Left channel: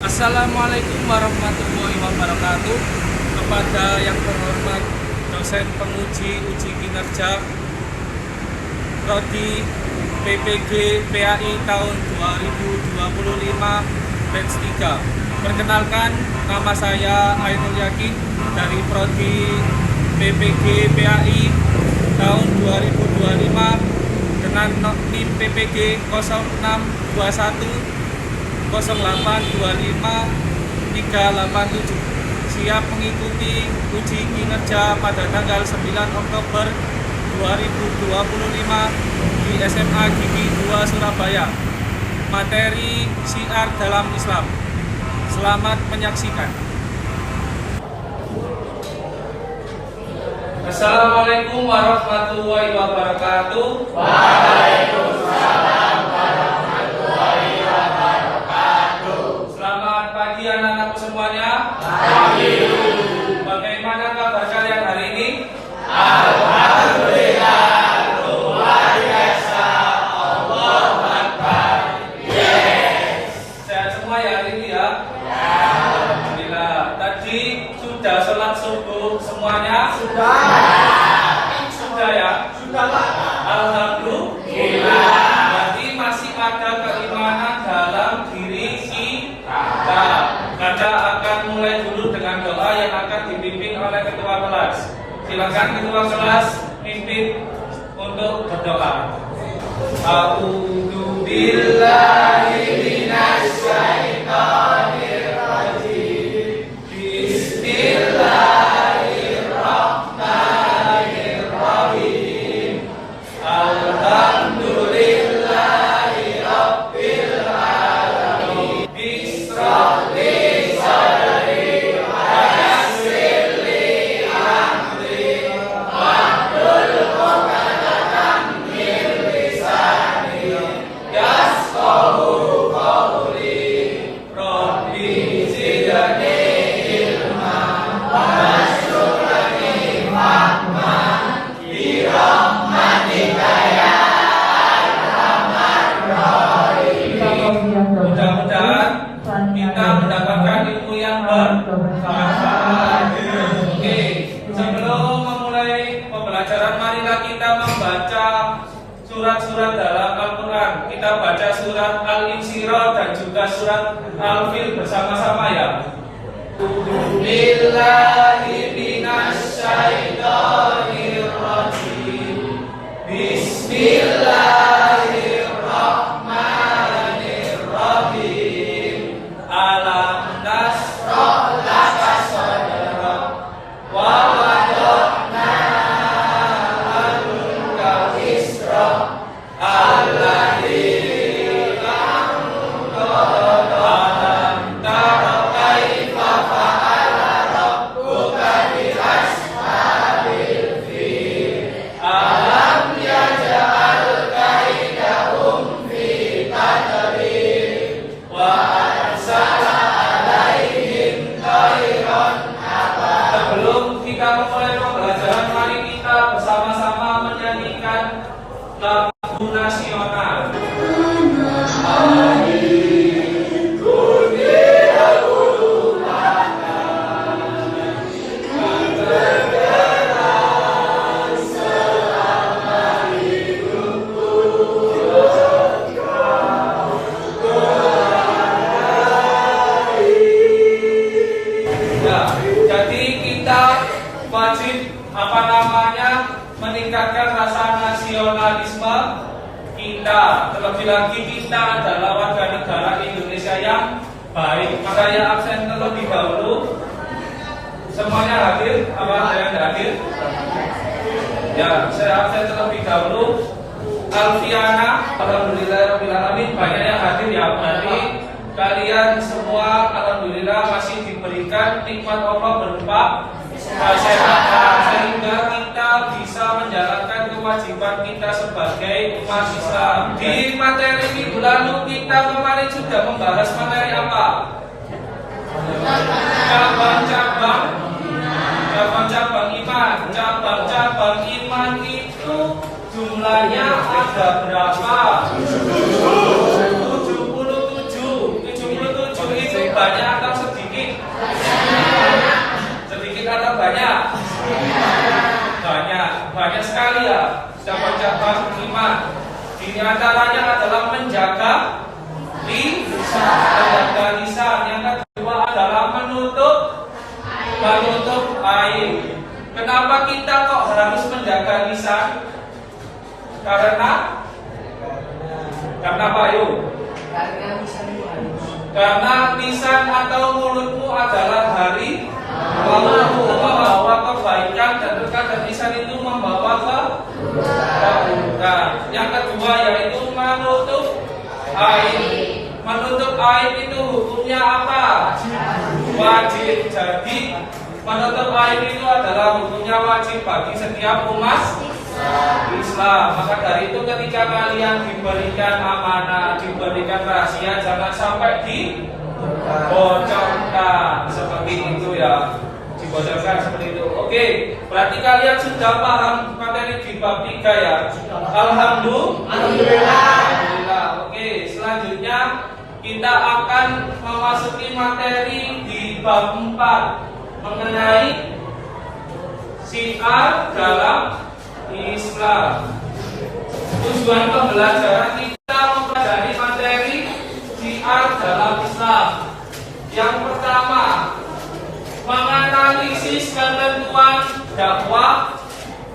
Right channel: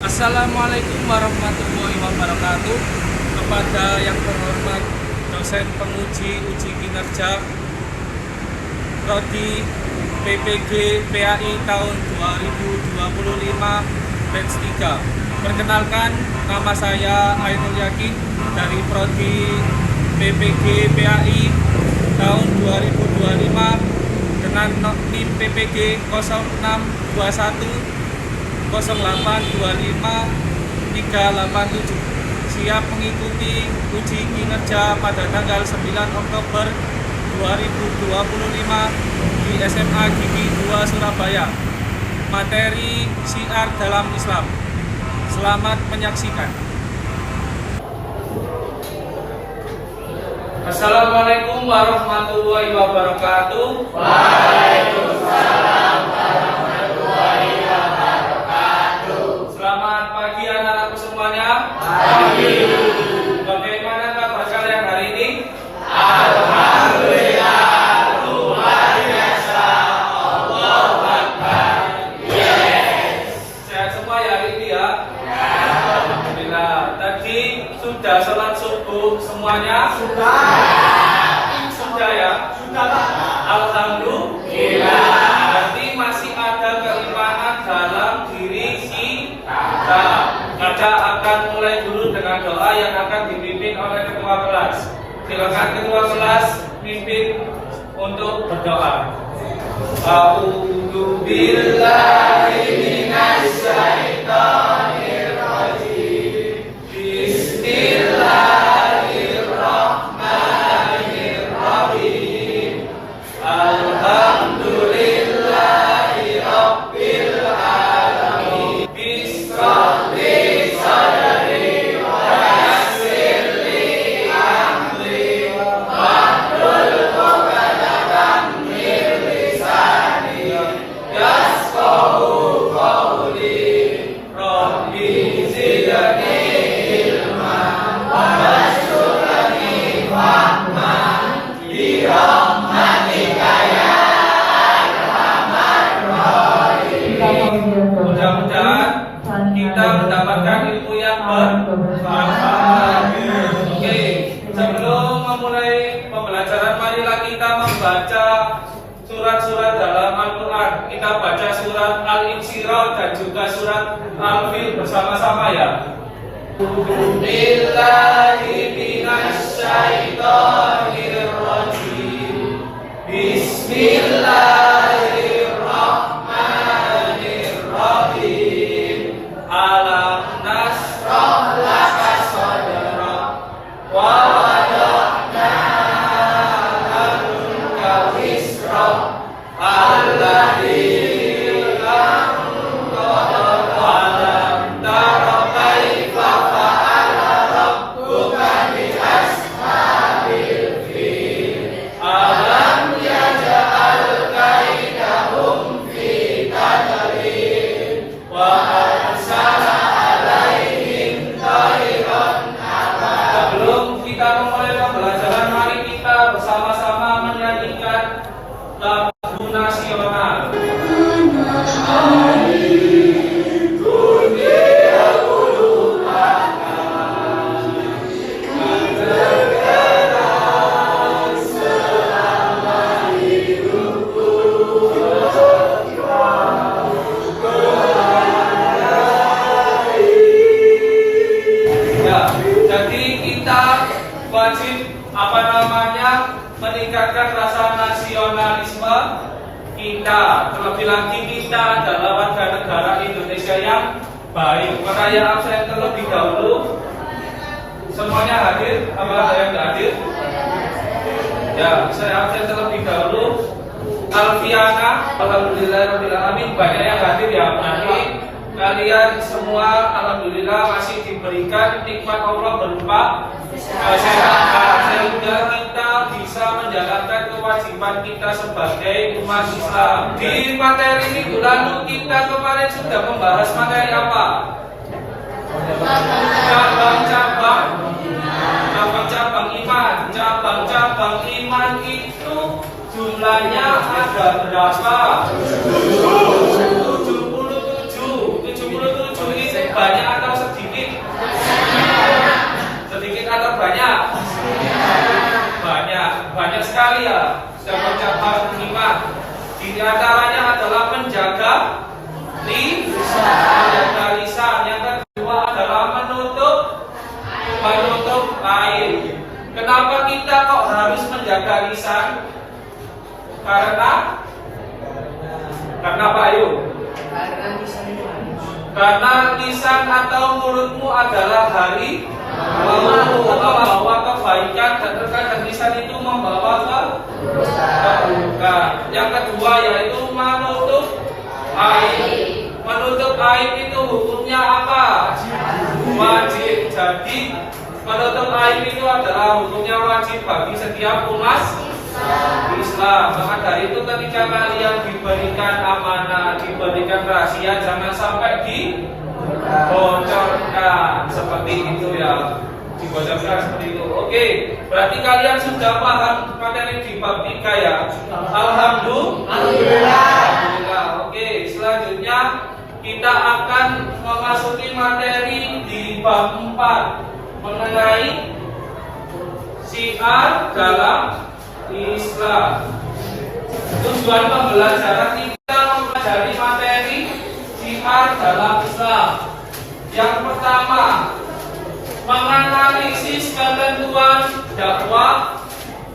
Assalamualaikum warahmatullahi wabarakatuh. Kepada yang terhormat dosen penguji uji kinerja Prodi PPG PAI tahun 2025 batch 3. Perkenalkan, nama saya Ainul Yakin dari Prodi PPG PAI tahun 2025 dengan NIM PPG 0621 0825-387, siap mengikuti uji kinerja pada tanggal 9 Oktober 2025 di SMA Gigi 2 Surabaya. Materi syiar dalam Islam. Selamat menyaksikan. Assalamualaikum warahmatullahi wabarakatuh. Waalaikumsalam. Selamat pagi anak-anakku semuanya. Pagi. Bagaimana kabar kalian hari ini? Alhamdulillah, luar biasa. Allahu Akbar. Yes. Sehat semua ya hari ini ya? Alhamdulillah. Tadi sudah sholat subuh semuanya? Sudah ya? Sudah, Pak. Alhamdulillah. Berarti masih ada keimanan dalam diri kita. Kita akan mulai dulu dengan doa yang akan dipimpin oleh ketua kelas. Silakan ketua kelas pimpin untuk berdoa. A'udzu billahi minasy syaithanir rajim. Bismillahirrahmanirrahim. Alhamdulillahi rabbil alamin. Bismillah. Mudah-mudahan kita mendapatkan ilmu yang bermanfaat. Oke, sebelum memulai pembelajaran, marilah kita membaca surat-surat dalam Al-Quran. Kita baca surat Al-Insyirah dan juga surat Al-Fil bersama-sama ya. Bismillahirrahmanirrahim. Bismillahirrahmanirrahim. Alam nasrah laka sadrak wa wada'na anka wisrak alladzi anqadha alam tara kaifa fa'ala rabbuka bi ashabil fil alam yaj'al kaidahum fi tadlil wa arsala alaihim tayran ababil. Sebelum kita memulai pembelajaran, mari kita bersama-sama menyanyikan lagu nasional. Ya, jadi kita wajib meningkatkan rasa nasionalisme kita. Terlebih lagi kita adalah warga negara Indonesia yang baik. Maka yang absen terlebih dahulu semuanya hadir. Apakah yang tidak hadir? Ya, saya absen terlebih dahulu. Alfiana, alhamdulillah rabbil alamin, banyak yang hadir ya. Nanti kalian semua alhamdulillah masih diberikan nikmat Allah berupa kesehatan, sehingga kita bisa menjalankan kewajiban kita sebagai umat Islam. Di materi minggu lalu kita kemarin sudah membahas materi apa? Cabang-cabang iman. Cabang-cabang iman itu jumlahnya ada berapa? 77. 77 itu banyak atau sedikit? Sedikit atau banyak? Banyak sekali ya. Sudah mencapai 5. Di antaranya adalah menjaga lisan. Yang kedua adalah menutup air. Kenapa kita kok harus menjaga lisan? Karena apa ayo? Karena lisan atau mulutmu adalah hari membawa kebaikan dan berkah, dan lisan itu membawa keburukan. Yang kedua yaitu menutup aib. Menutup aib itu hukumnya apa? Wajib. Jadi menutup aib itu adalah hukumnya wajib bagi setiap umat Islam. Maka dari itu ketika kalian diberikan amanah, diberikan rahasia, jangan sampai dibocorkan seperti itu ya. Dibocorkan seperti itu. Oke, berarti kalian sudah paham materi di bab 3 ya. Alhamdulillah. Oke, selanjutnya kita akan memasuki materi di bab 4 mengenai syiar dalam Islam. Tujuan pembelajaran kita mempelajari materi syiar dalam Islam. Yang pertama, menganalisis ketentuan dakwah,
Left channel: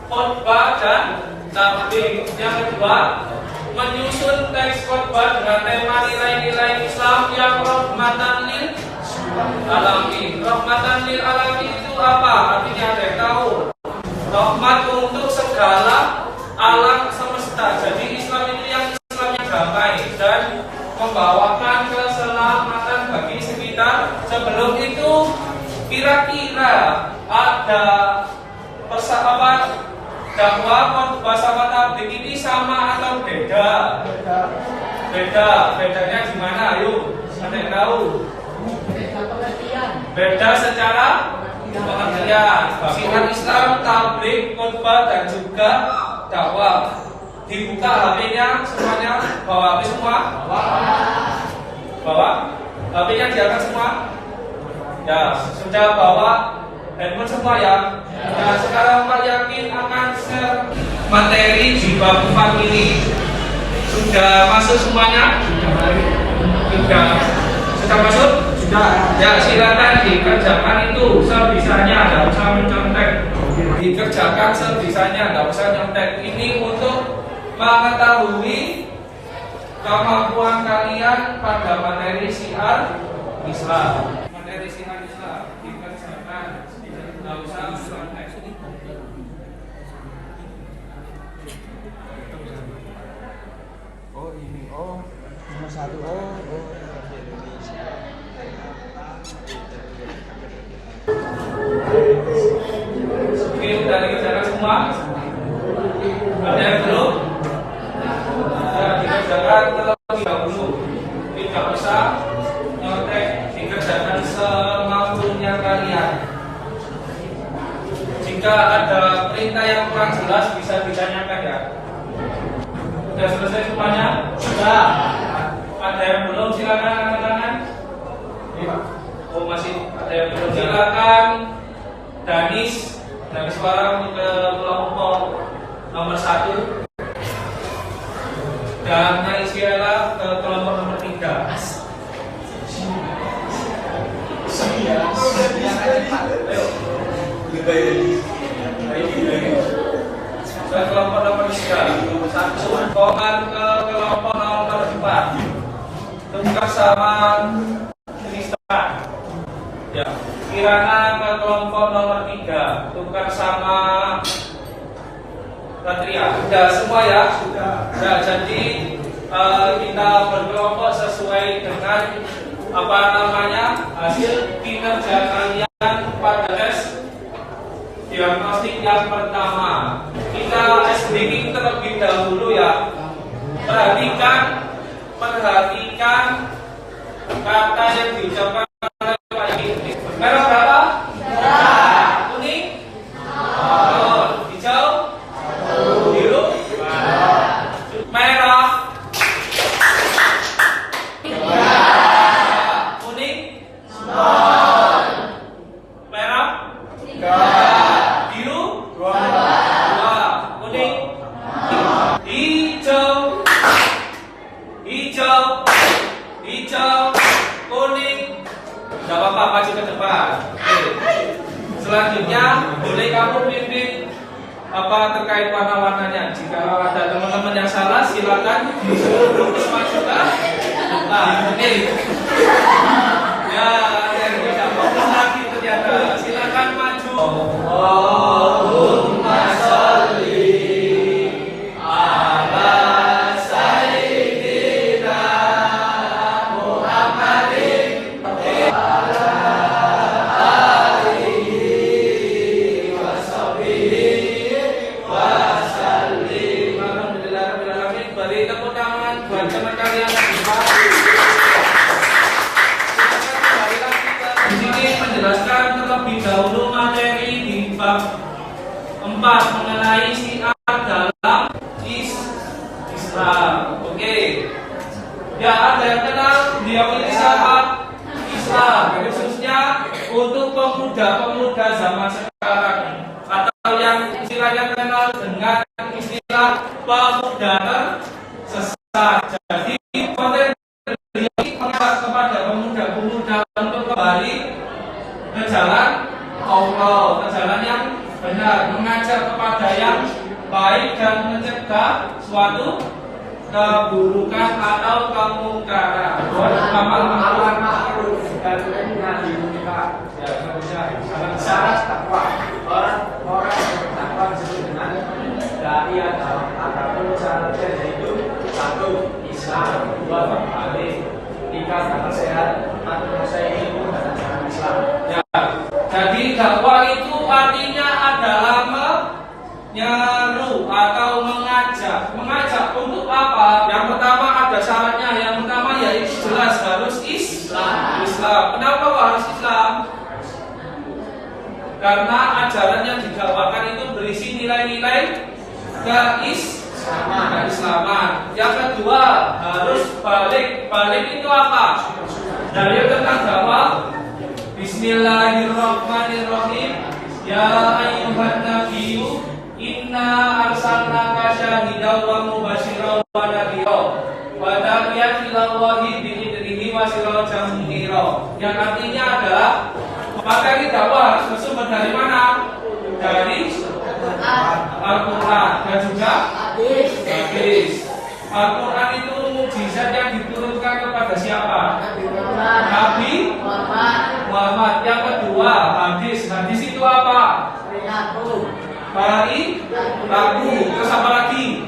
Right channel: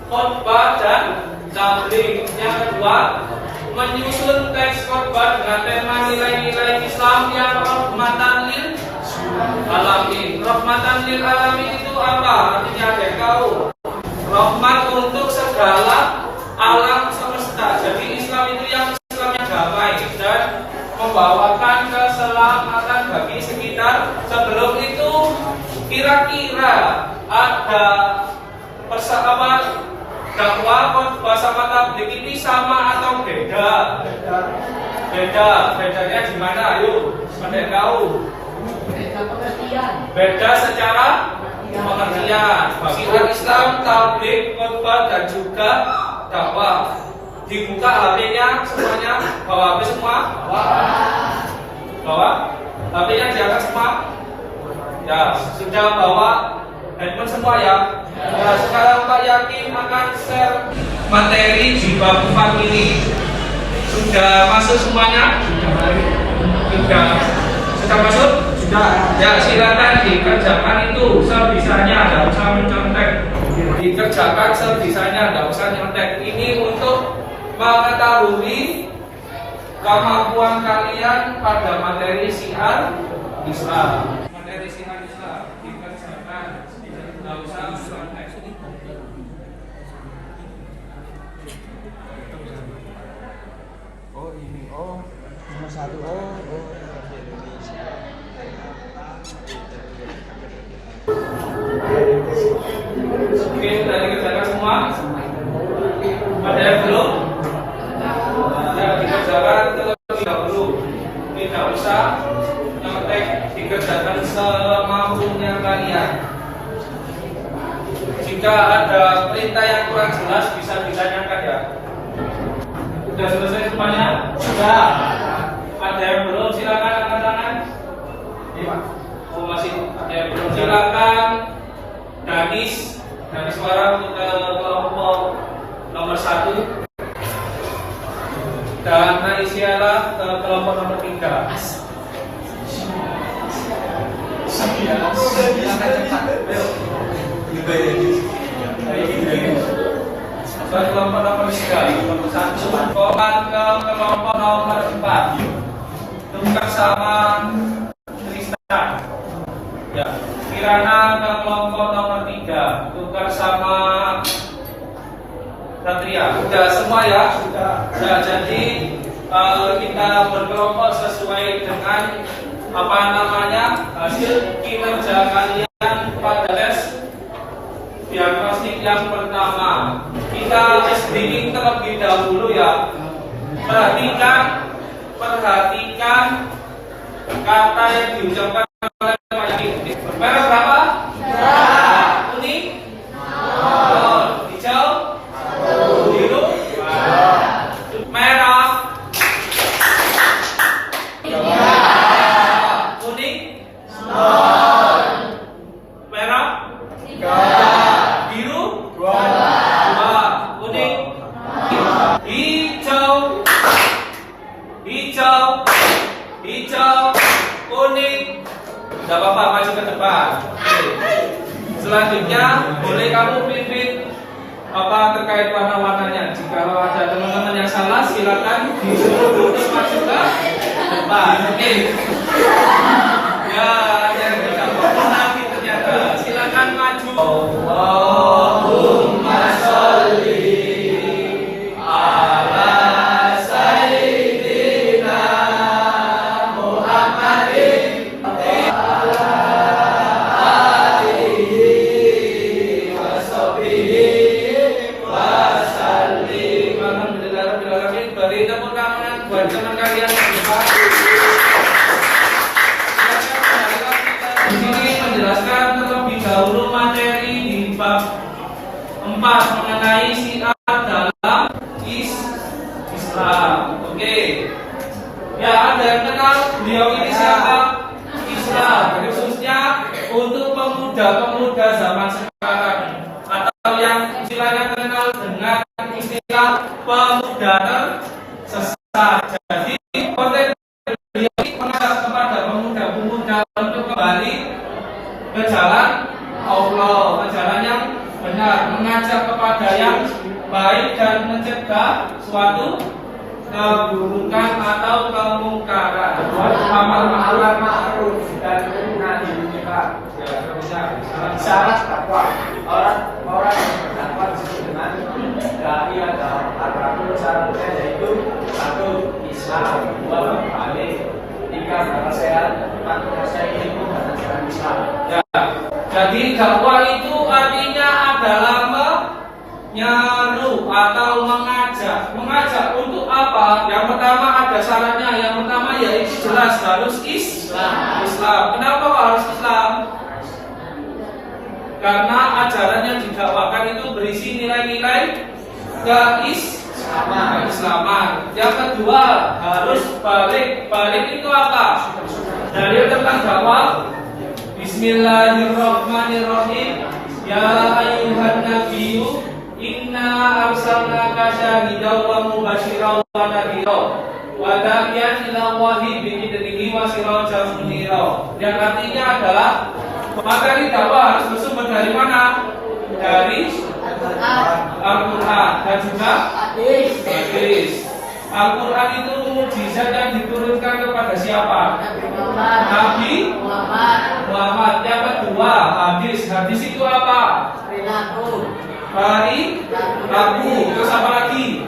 khotbah dan tabligh. Yang kedua, menyusun teks khotbah dengan tema nilai-nilai Islam yang rahmatan lil alamin. Rahmatan lil alamin itu apa? Artinya ada yang tahu? Rahmat untuk segala alam semesta. Jadi Islam itu yang damai dan membawakan keselamatan bagi sekitar. Sebelum itu kira-kira ada persamaan dakwah, khotbah sama tabligh ini sama atau beda? Bedanya gimana? Ayo, ada yang tahu? Beda secara pengertian. Syiar Islam, tabligh, khotbah dan juga dakwah. Dibuka HP-nya semuanya, bawa HP semua? Bawa? HP-nya diangkat semua? Ya, sudah bawa handphone semua ya? Nah, sekarang Pak yakin akan share materi di bab 4 ini. Sudah masuk semuanya? Sudah masuk? Sudah. Ya, silakan dikerjakan itu sebisanya, tidak usah mencontek. Dikerjakan sebisanya, tidak usah nyontek. Ini untuk mengetahui kemampuan kalian pada materi syiar Islam. Materi syiar Islam dikerjakan, tidak usah mencontek. Oh ini, oh nomor 1, oh Indonesia. Oke, sudah dikerjakan semua? Ada yang belum? Ya, dikerjakan terlebih dahulu. Tidak usah nyontek, dikerjakan semampunya kalian. Jika ada perintah yang kurang jelas bisa ditanyakan ya. Sudah selesai semuanya? Sudah. Ada yang belum? Silakan angkat tangan. Oh masih ada yang belum? Silakan. Danis suara ke kelompok nomor 1 dan Naisiala ke kelompok nomor 3. Dan kelompok nomor 3, kelompok 1. Komar ke kelompok nomor 4. Tukar sama Tristan. Ya, Kirana ke kelompok nomor 3. Tukar sama Satria. Sudah semua ya? Sudah. Ya, jadi kita berkelompok sesuai dengan apa namanya hasil kinerja kalian pada tes diagnostik yang pertama. Kita listening terlebih dahulu ya. Perhatikan kata yang diucapkan oleh Pak Yudi. Merah berapa? Kuning? Hijau? Biru? Merah? Kuning? hijau, hijau, kuning. Gak apa-apa, maju ke depan. Oke. Selanjutnya boleh kamu pimpin apa terkait warna-warnanya. Jika ada teman-teman yang salah, silakan disuruh terus maju ke depan. Oke. Ya, yang tidak perlu lagi ternyata. Silakan maju. Allahumma sholli ala sayyidina Muhammadin ala alihi wa sahbihi wa sallim. Alhamdulillahirabbil alamin. Beri tepuk tangan buat teman kalian yang di sini menjelaskan terlebih dahulu materi di bab 4 mengenai syiar dalam Islam. Oke. Ya, ada yang kenal beliau ini siapa? Islam, khususnya untuk pemuda-pemuda zaman sekarang atau yang istilahnya kenal dengan istilah pemuda tersesat. Jadi konten beliau ini mengajak kepada pemuda-pemuda untuk kembali ke jalan Allah, ke jalan yang benar, mengajak kepada yang baik dan mencegah suatu keburukan atau kemungkaran. Amal ma'ruf dan nahi munkar. Syarat takwa. Orang yang bertakwa disebut dengan dai agama. Syaratnya yaitu 1. Islam, 2. balik, 3. akal sehat, 4. menguasai ilmu dan ajaran Islam. Ya. Jadi dakwah itu artinya adalah menyeru atau mengajak. Mengajak untuk apa? Yang pertama ada syaratnya. Yang pertama yaitu jelas harus Islam. Kenapa kok harus Islam? Karena ajaran yang didakwakan itu berisi nilai-nilai keislaman. Yang kedua harus balik. Balik itu apa? Dalil tentang dakwah. Bismillahirrahmanirrahim. Ya ayyuhan nabiyyu inna arsalnaka syahidan wa mubasyiran wa nadhira wa da'iyan ila Allahi bi'idnihi wa sirajan munira. Yang artinya adalah materi dakwah harus bersumber dari mana? Dari Al-Quran dan juga hadis. Al-Quran itu mukjizat yang diturunkan kepada siapa? Nabi Muhammad. Yang kedua hadis. Hadis itu apa? Hari lagu. Terus apa lagi?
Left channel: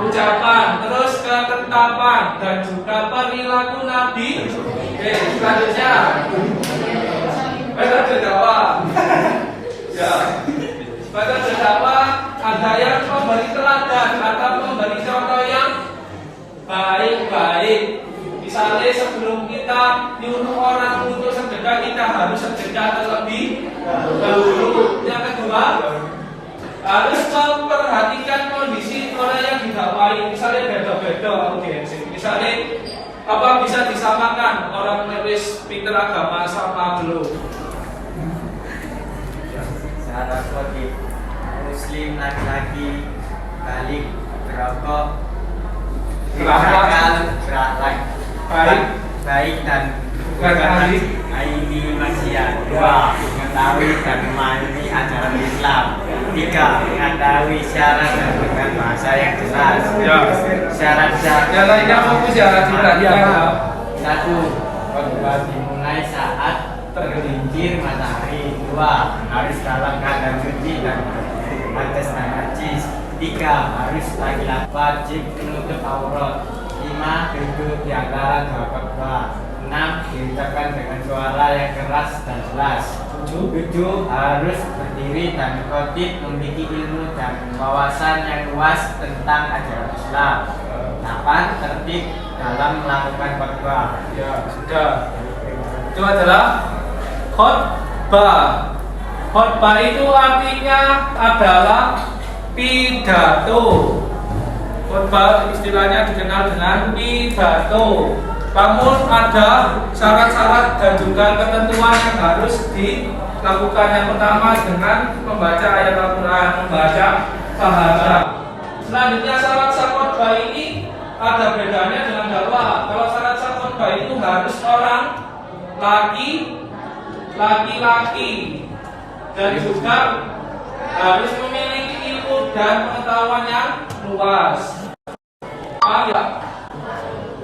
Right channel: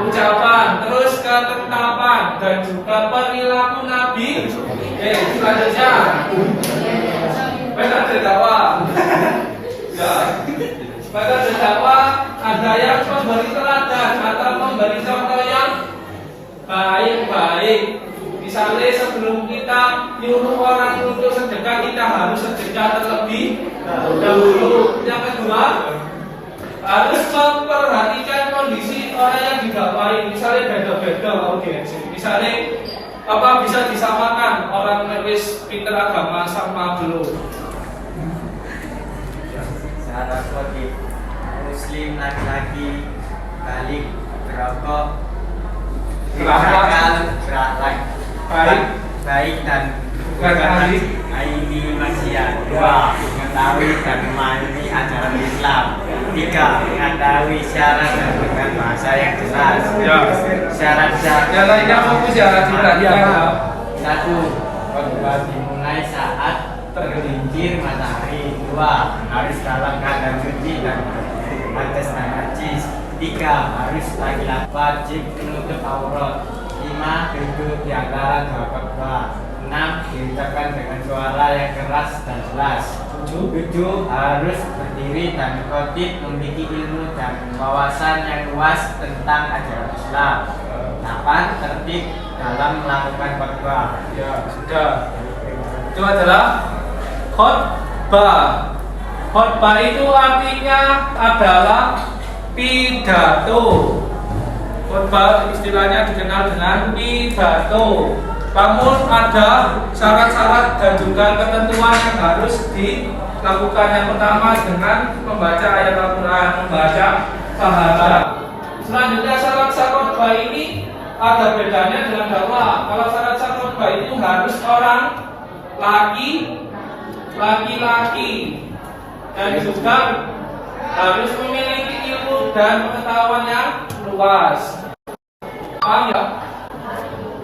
Ucapan. Terus ketetapan dan juga perilaku Nabi. Selanjutnya pada dakwah. Ya. Pada dakwah ada yang memberi teladan atau memberi contoh yang baik-baik. Misalnya sebelum kita nyuruh orang untuk sedekah, kita harus sedekah terlebih dahulu. Yang kedua harus memperhatikan kondisi orang yang didakwahi. Misalnya beda-beda audiensi. Misalnya apa bisa disamakan orang nulis pinter agama sama belum? Syarat wajib muslim laki-laki balik berokok berakhlak baik dan bukan ini maksiat. 2. Mengetahui dan memahami ajaran Islam. 3. Mengetahui syarat dan dengan bahasa yang jelas. Syarat-syarat yang lainnya fokus ya. 1. Khotbah dimulai saat tergelincir matahari. 2. Harus dalam keadaan suci dan atas dan najis. 3. Harus laki-laki wajib menutup aurat. 5. Duduk di antara dua khotbah. 6. Diucapkan dengan suara yang keras dan jelas. 7. Harus berdiri dan khotib memiliki ilmu dan wawasan yang luas tentang ajaran Islam. 8. Tertib dalam melakukan khotbah. Ya, sudah. Itu adalah khotbah. Khotbah itu artinya adalah pidato. Khotbah istilahnya dikenal dengan pidato. Namun ada syarat-syarat dan juga ketentuan yang harus dilakukan. Yang pertama dengan membaca ayat Al-Quran, membaca syahadat. Selanjutnya syarat khotbah ini ada bedanya dengan dakwah. Kalau syarat khotbah itu harus orang laki-laki dan juga harus memiliki ilmu dan pengetahuan yang luas. Paham ya?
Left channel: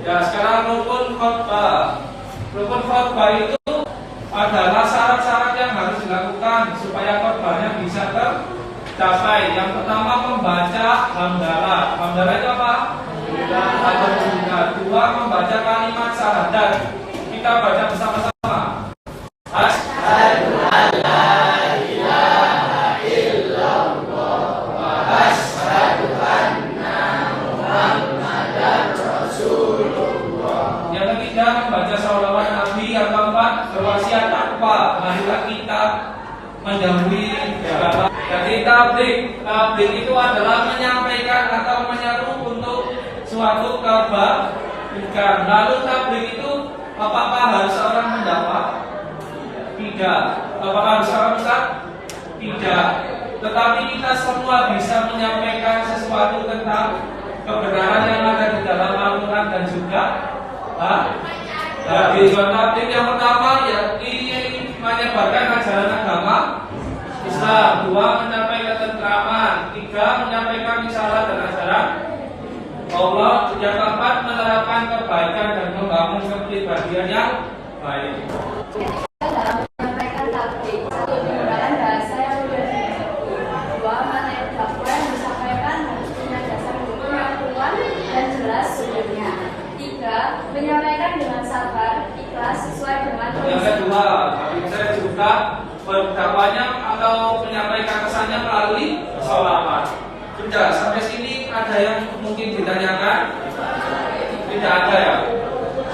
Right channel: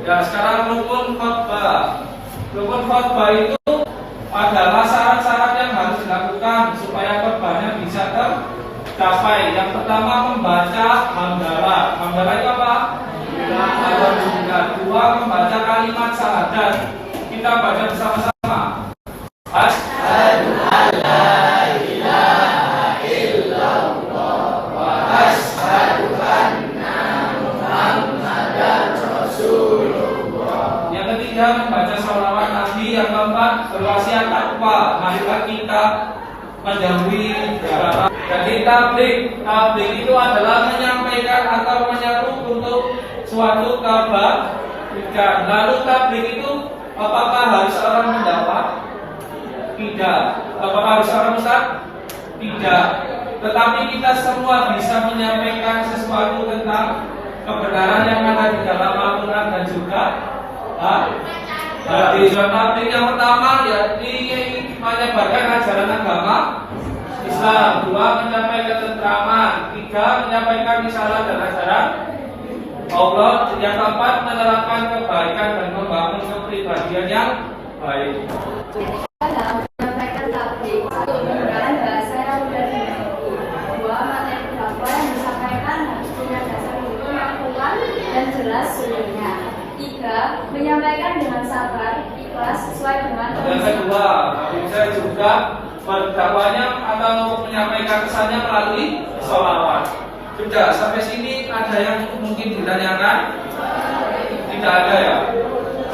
Ya, sekarang rukun khotbah. Rukun khotbah itu adalah syarat-syarat yang harus dilakukan supaya khotbahnya bisa tercapai. Yang pertama membaca hamdalah. Hamdalah itu apa? Alhamdulillah. Dua, membaca kalimat syahadat. Kita baca bersama-sama. Asyhadu an la ilaha illallah wa asyhadu anna Muhammadan Rasulullah. Yang ketiga membaca sholawat Nabi. Yang keempat berwasiat takwa. Marilah kita menjauhi segala. Jadi tabligh itu adalah menyampaikan atau menyeru untuk suatu kebaikan. Lalu tabligh itu apakah harus orang mendakwah? Tidak. Apakah harus orang ustaz? Tidak. Tetapi kita semua bisa menyampaikan sesuatu tentang kebenaran yang ada di dalam Al-Quran dan juga di tabligh yang pertama yakni menyebarkan ajaran agama Islam. Dua, menyampaikan ketentraman. Tiga, menyampaikan risalah dan ajaran Allah. Yang keempat, menerapkan kebaikan dan membangun kepribadian yang baik. Dalam menyampaikan tabligh, satu, menggunakan bahasa yang mudah dimengerti. Dua, materi dakwah yang disampaikan harus punya dasar hukum yang kuat dan jelas sumbernya. Tiga, menyampaikan dengan sabar, ikhlas, sesuai dengan Yang kondisi. kedua, saya juga berdakwahnya atau menyampaikan kesannya melalui sholawat. Sudah, sampai sini ada yang mungkin ditanyakan? Tidak ada ya?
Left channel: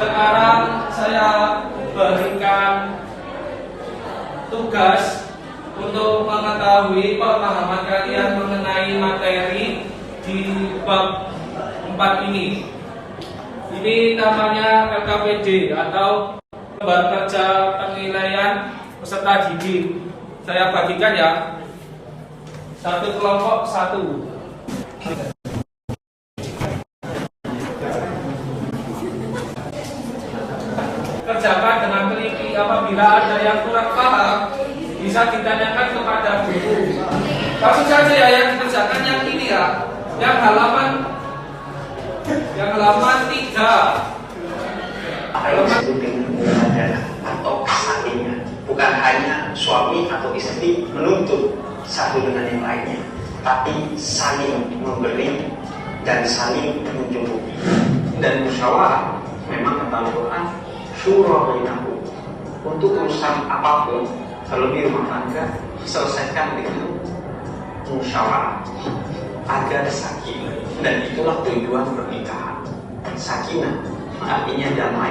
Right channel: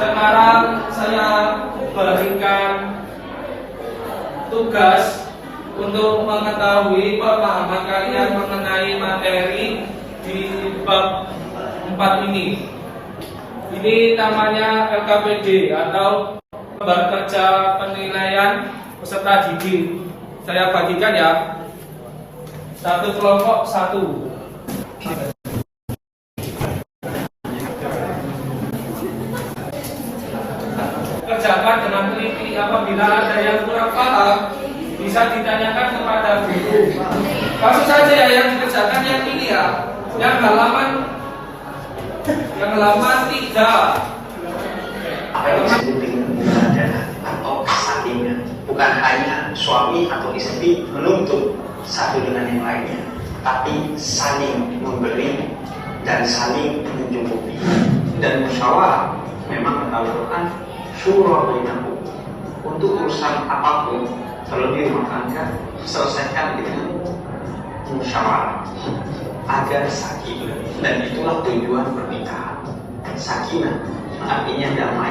Sekarang saya berikan tugas untuk mengetahui pemahaman kalian mengenai materi di bab 4 ini. Ini namanya LKPD atau lembar kerja penilaian peserta didik. Saya bagikan ya. Satu kelompok satu. Kerjakan dengan teliti. Apabila ada yang kurang paham, bisa ditanyakan kepada guru. Langsung saja ya yang dikerjakan yang ini ya. Yang halaman 3. Apa yang disebut dengan adalah atau kesakingan, bukan hanya suami atau istri menuntut satu dengan yang lainnya, tapi saling memberi dan saling mencukupi. Dan musyawarah memang kata Al-Quran syura bainakum, untuk urusan apapun terlebih rumah tangga selesaikan dengan musyawarah agar sakinah, dan itulah tujuan pernikahan. Sakinah artinya damai.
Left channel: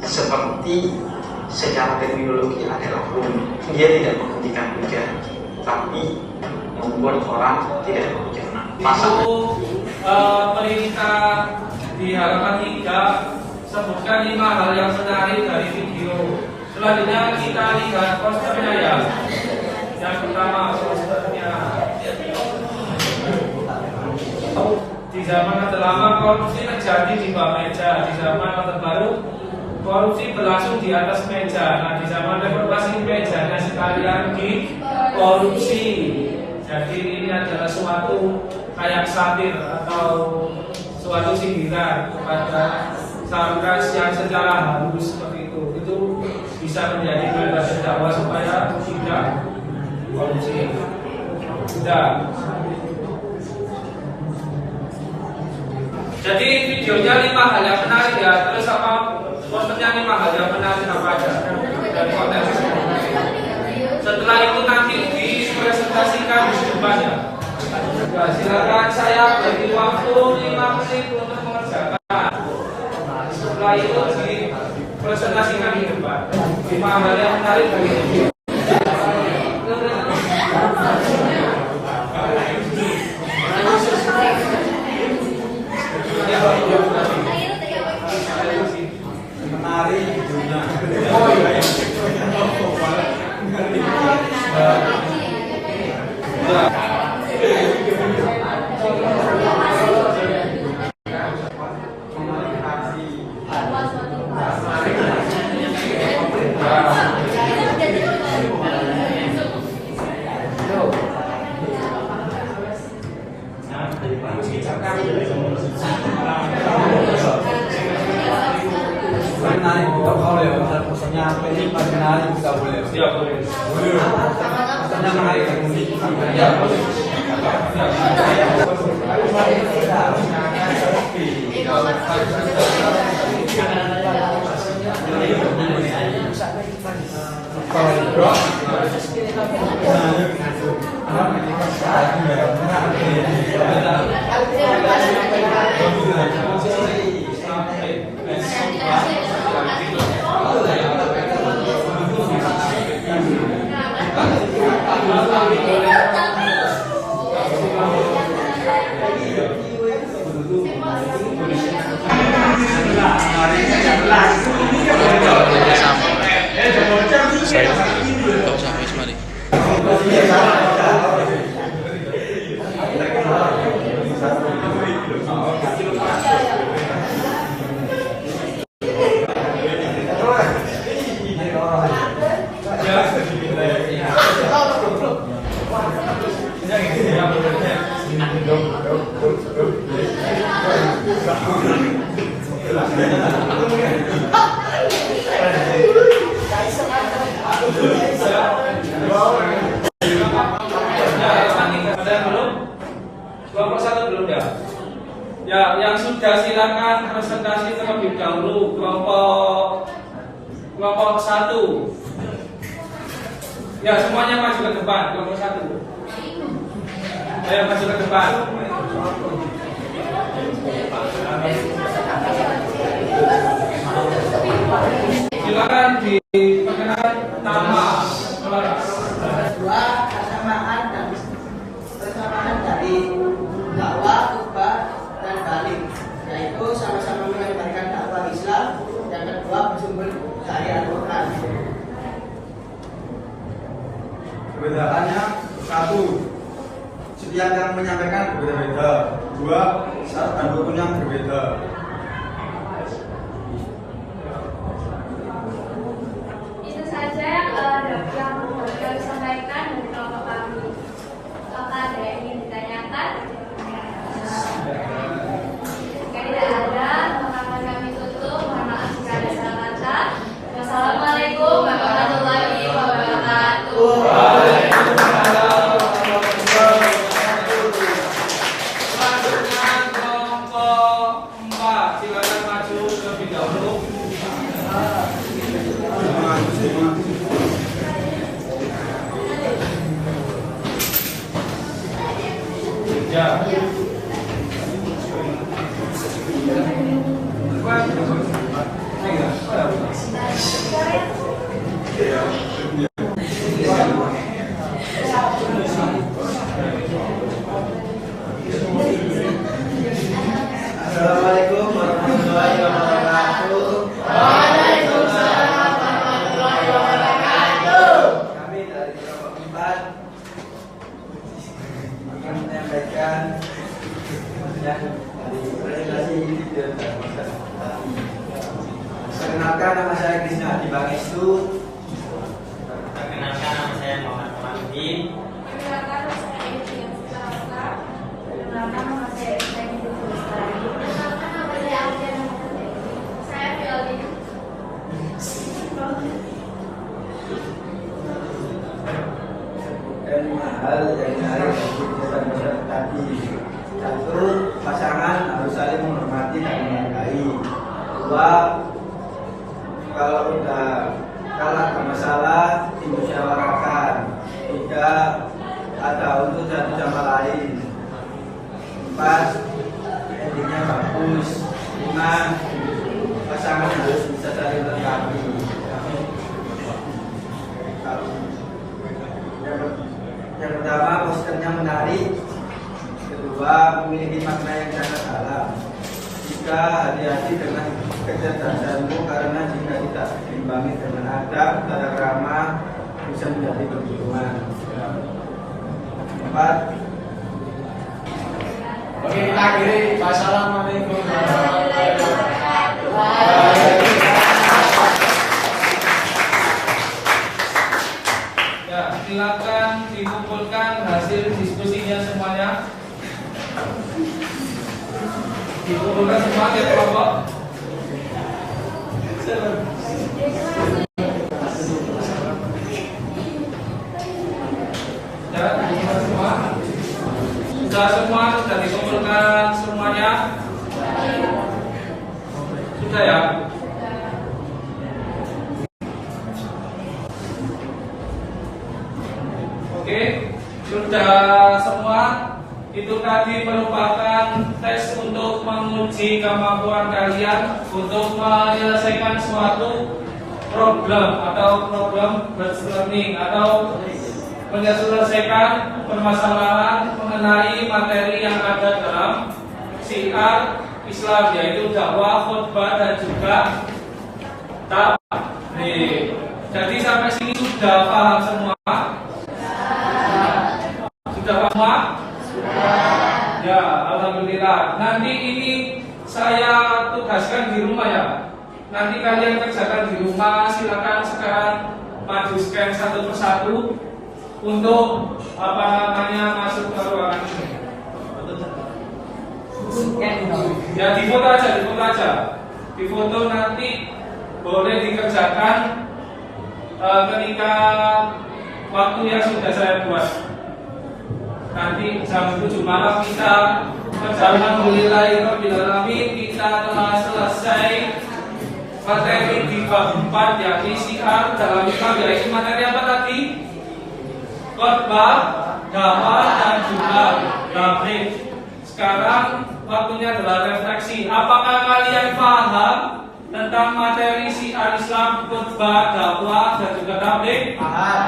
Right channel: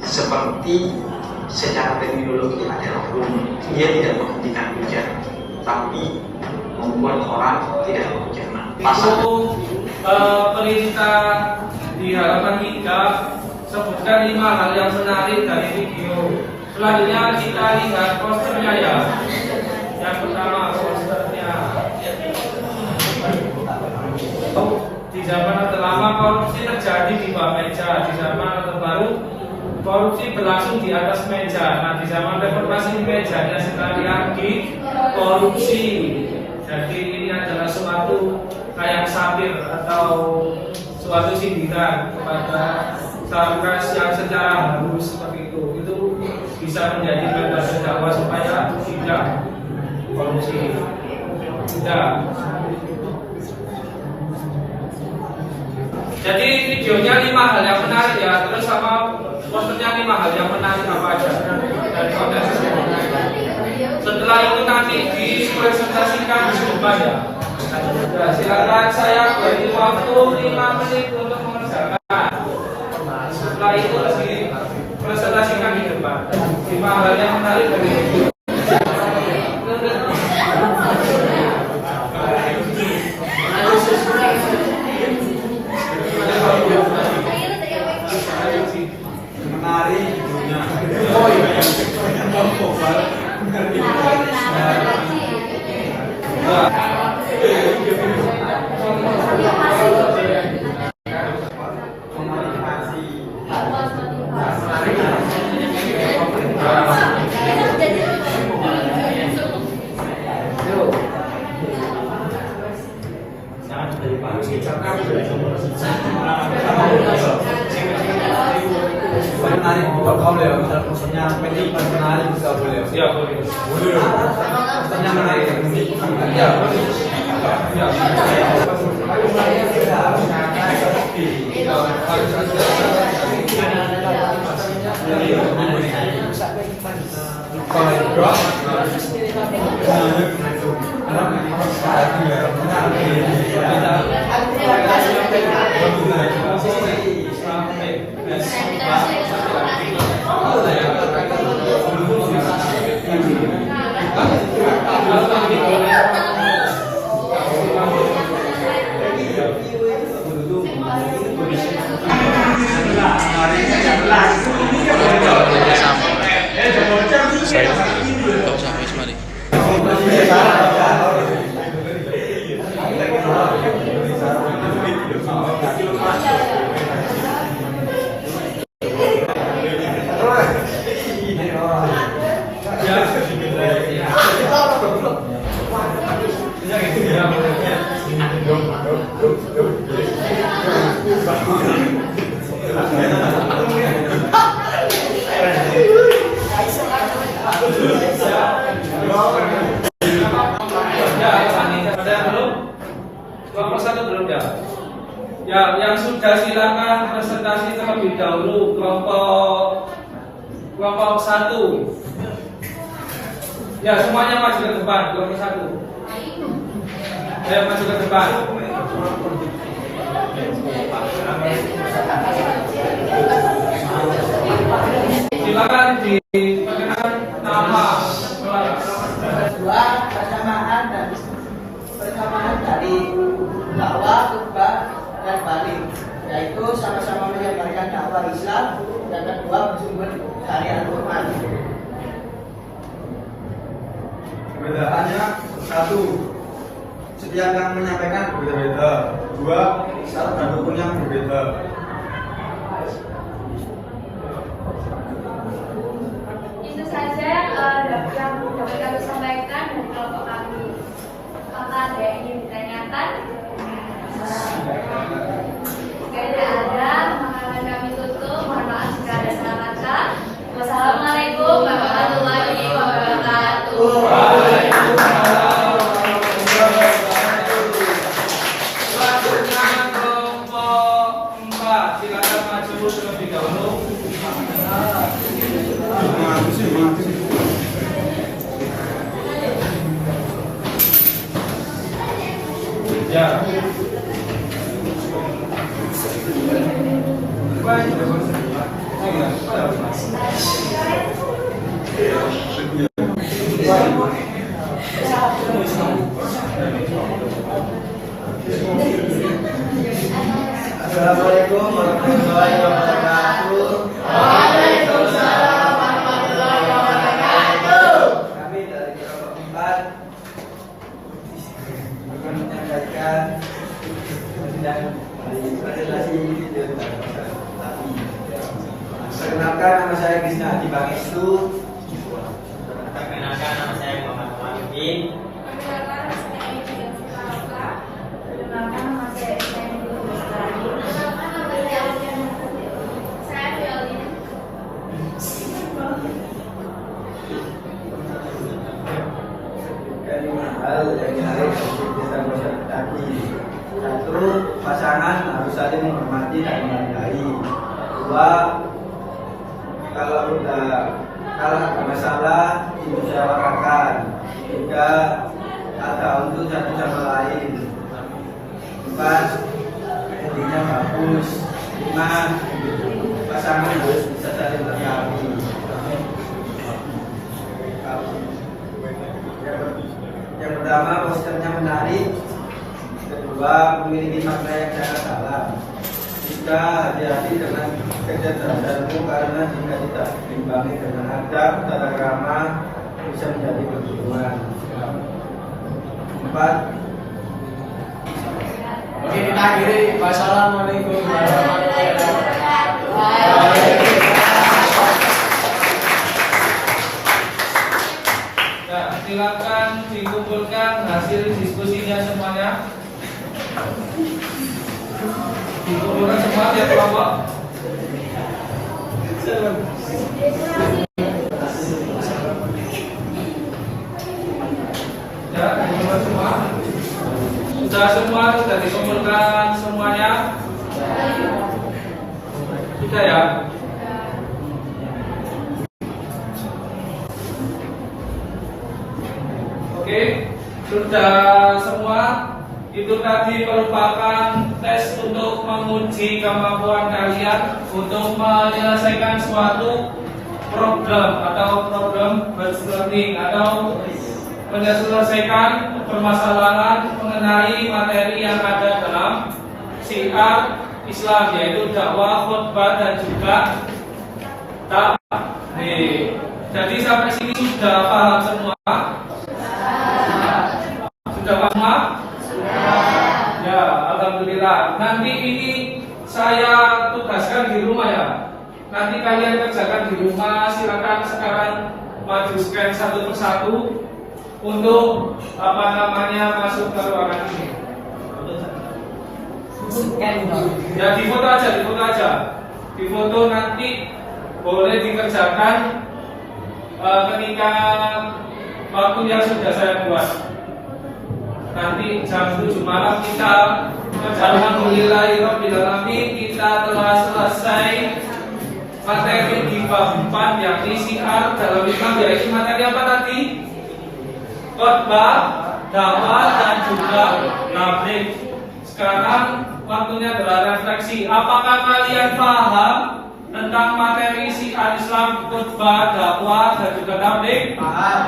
Seperti secara terminologi adalah rumah, dia tidak menghentikan hujan, tapi membuat orang tidak berhujanan. Itu perintah di halaman 3. Sebutkan 5 hal yang menarik dari video. Selanjutnya kita lihat posternya ya. Yang pertama posternya. Di zaman Orde Lama korupsi terjadi di bawah meja. Di zaman Orde Baru korupsi berlangsung di atas meja. Nah, di zaman reformasi mejanya sekalian di korupsi. Jadi ini adalah suatu kayak satir atau suatu sindiran kepada saluran yang secara halus seperti itu. Itu bisa menjadi landasan dakwah supaya tidak korupsi. Sudah. Jadi videonya 5 hal yang menarik ya. Terus sama posternya 5 hal yang menarik apa aja dari konten ini. Setelah itu nanti dipresentasikan di depan ya. Nah, silakan saya beri waktu 5 menit untuk mengerjakan. Setelah itu dipresentasikan di depan 5 hal yang menarik dari video. Menari videonya. Ya. Menarik buka boleh, kalau pesannya pengen pengenalan juga boleh. Ya, boleh. Pesannya menarik kan? Ya, boleh. Kelompok 1 belum ya? Ya, yang sudah silakan presentasi terlebih dahulu kelompok 1. Ya, semuanya maju ke depan kelompok 1. Ayo maju ke depan. Silakan diperkenalkan nama kelas. Kedua, persamaan dari dakwah, khutbah, dan balik, yaitu sama-sama menyebarkan dakwah Islam. Yang kedua, bersumber dari Al-Quran. Perbedaannya 1. Setiap yang menyampaikan berbeda-beda. 2. Syarat dan rukun yang berbeda. Itu saja yang dapat kami sampaikan dari kelompok kami. Apakah ada yang ingin ditanyakan? Jika tidak ada, maka kami tutup. Mohon maaf jika ada salah kata. Wassalamualaikum warahmatullahi wabarakatuh. Selanjutnya kelompok 4, silakan maju terlebih dahulu. Ya. Assalamualaikum warahmatullahi wabarakatuh. Waalaikumsalam warahmatullahi wabarakatuh. Kami dari kelompok 4 akan menyampaikan yang dari presentasi video dan presentasi. Perkenalkan, nama saya Krisna Adi Pangestu. Perkenalkan, nama saya Muhammad Wahidin. Perkenalkan, nama saya Edi Silawaka. Perkenalkan, nama saya Edi Lestari. Perkenalkan, nama saya Alfian Muhammad. Saya Fiolin. Ada 5 hal yang menarik dari kegiatan masyarakat tadi. 1. Pasangan harus saling menghormati dan menghargai. 2. Kalau ada masalah dimusyawarahkan. 3. Ada untuk satu sama lain. 4. Endingnya bagus. 5. Pasangan harus bisa saling melengkapi. Yang pertama, posternya menarik. Kedua, memiliki makna yang sangat dalam. 3. Hati-hati dengan kecerdasanmu, karena jika tidak diimbangi dengan adab, tata krama, bisa menjadi kebingungan. 4. Oke, kita akhiri. Wassalamualaikum warahmatullahi wabarakatuh. Ya, silakan dikumpulkan hasil diskusinya semuanya. Dikumpulkan semua tiap kelompok. Ya, dikumpulkan semua. Sudah dikumpulkan semuanya. Sudah ya. Oke, sudah semua. Itu tadi merupakan tes untuk menguji kemampuan kalian untuk menyelesaikan suatu problem atau problem based learning atau menyelesaikan permasalahan mengenai materi yang ada dalam syiar Islam, yaitu dakwah, khutbah dan juga tabligh. Jadi sampai sini sudah paham semua? Sudah paham semua? Ya, alhamdulillah. Nanti ini saya tugaskan di rumah ya. Nanti kalian kerjakan di rumah. Silakan sekarang maju scan satu persatu untuk masuk ke ruangan ini. Ya, difoto aja. Difoto nanti boleh dikerjakan ketika waktu yang sudah saya buat. Nanti jam 7 malam kita alhamdulillahirobbilalamin, kita telah selesai materi di bab 4 yakni syiar dalam Islam, yaitu materi apa tadi? Khutbah, dakwah dan juga tabligh. Sekarang waktunya adalah refleksi. Apakah kalian paham tentang materi syiar Islam, khutbah, dakwah dan juga tabligh? Paham.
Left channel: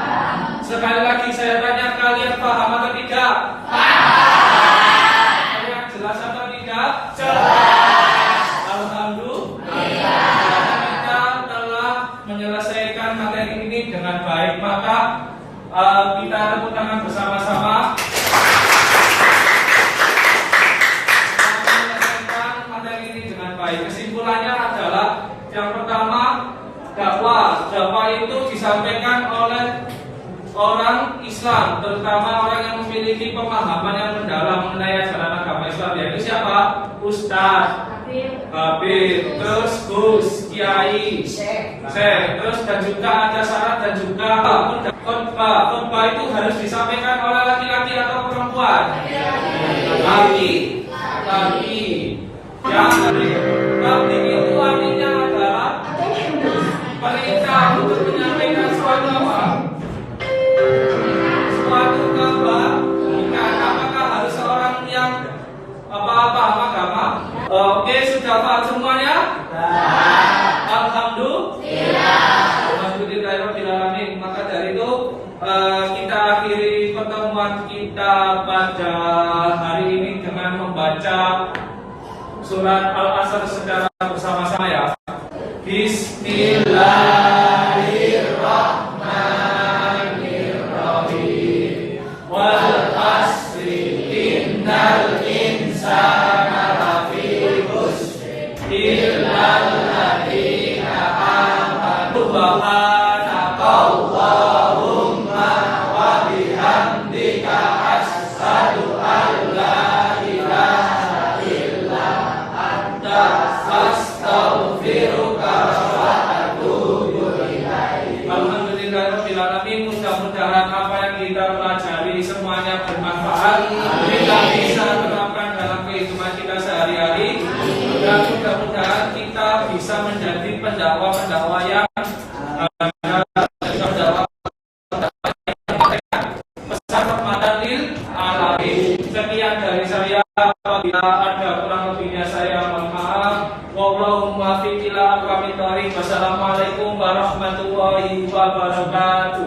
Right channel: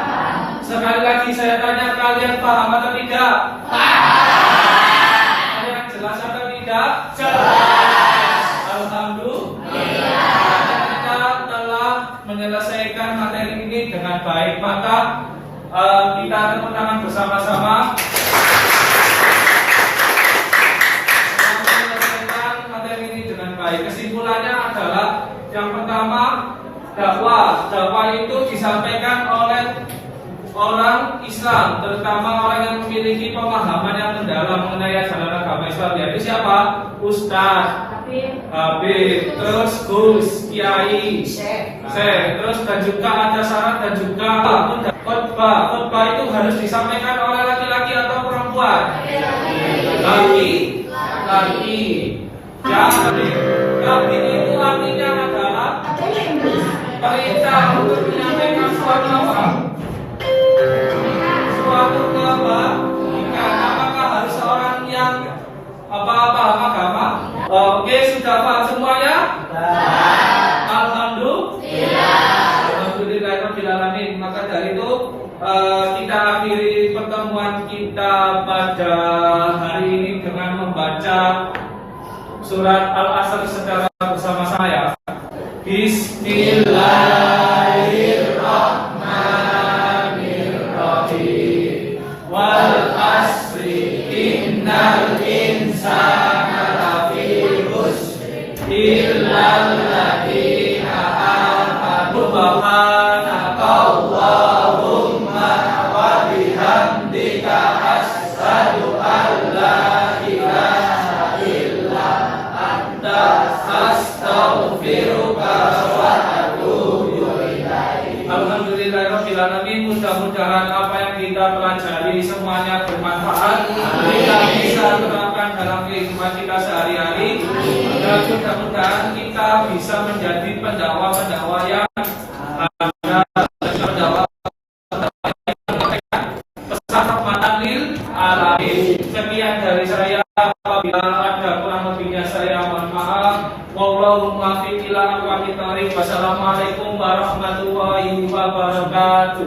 Sekali lagi saya tanya, kalian paham atau tidak? Paham. Kalian jelas atau tidak? Jelas. Alhamdulillah. Kita telah menyelesaikan materi ini dengan baik. Maka kita tepuk tangan bersama-sama. Menyelesaikan materi ini dengan baik. Kesimpulannya adalah yang pertama, dakwah. Dakwah itu disampaikan oleh orang Islam, terutama orang yang memiliki pemahaman yang mendalam mengenai ajaran agama Islam, yaitu siapa? Ustaz, Habib, terus Gus, Kiai, Syekh, terus dan juga ada syarat dan juga khutbah. Khutbah itu harus disampaikan oleh laki-laki atau perempuan? Laki. Yang tabligh itu artinya adalah perintah untuk menyampaikan suatu apa? Suatu kebajikan. Apakah harus seorang yang paham agama? Oke, sudah paham semuanya? Alhamdulillah. Maka dari itu kita akhiri pertemuan kita pada hari ini dengan membaca surat Al-Asr secara bersama-sama ya. Bismillahirrahmanirrahim. Wal asri innal insana lafi khusr illal ladzina amanu subhanakallahumma wa bihamdika asyhadu an la ilaha illa anta astaghfiruka wa atubu ilaik. Alhamdulillahirobbilalamin. Mudah-mudahan apa yang kita pelajari semuanya bermanfaat, kita bisa terapkan dalam kehidupan kita sehari-hari, dan mudah-mudahan kita bisa menjadi pendakwah-pendakwah yang pesan rahmatan lil alamin. Sekian dari saya. Apabila ada kurang lebihnya saya mohon maaf. Wallahumma fi ila aqwamit thoriq. Wassalamualaikum warahmatullahi wabarakatuh.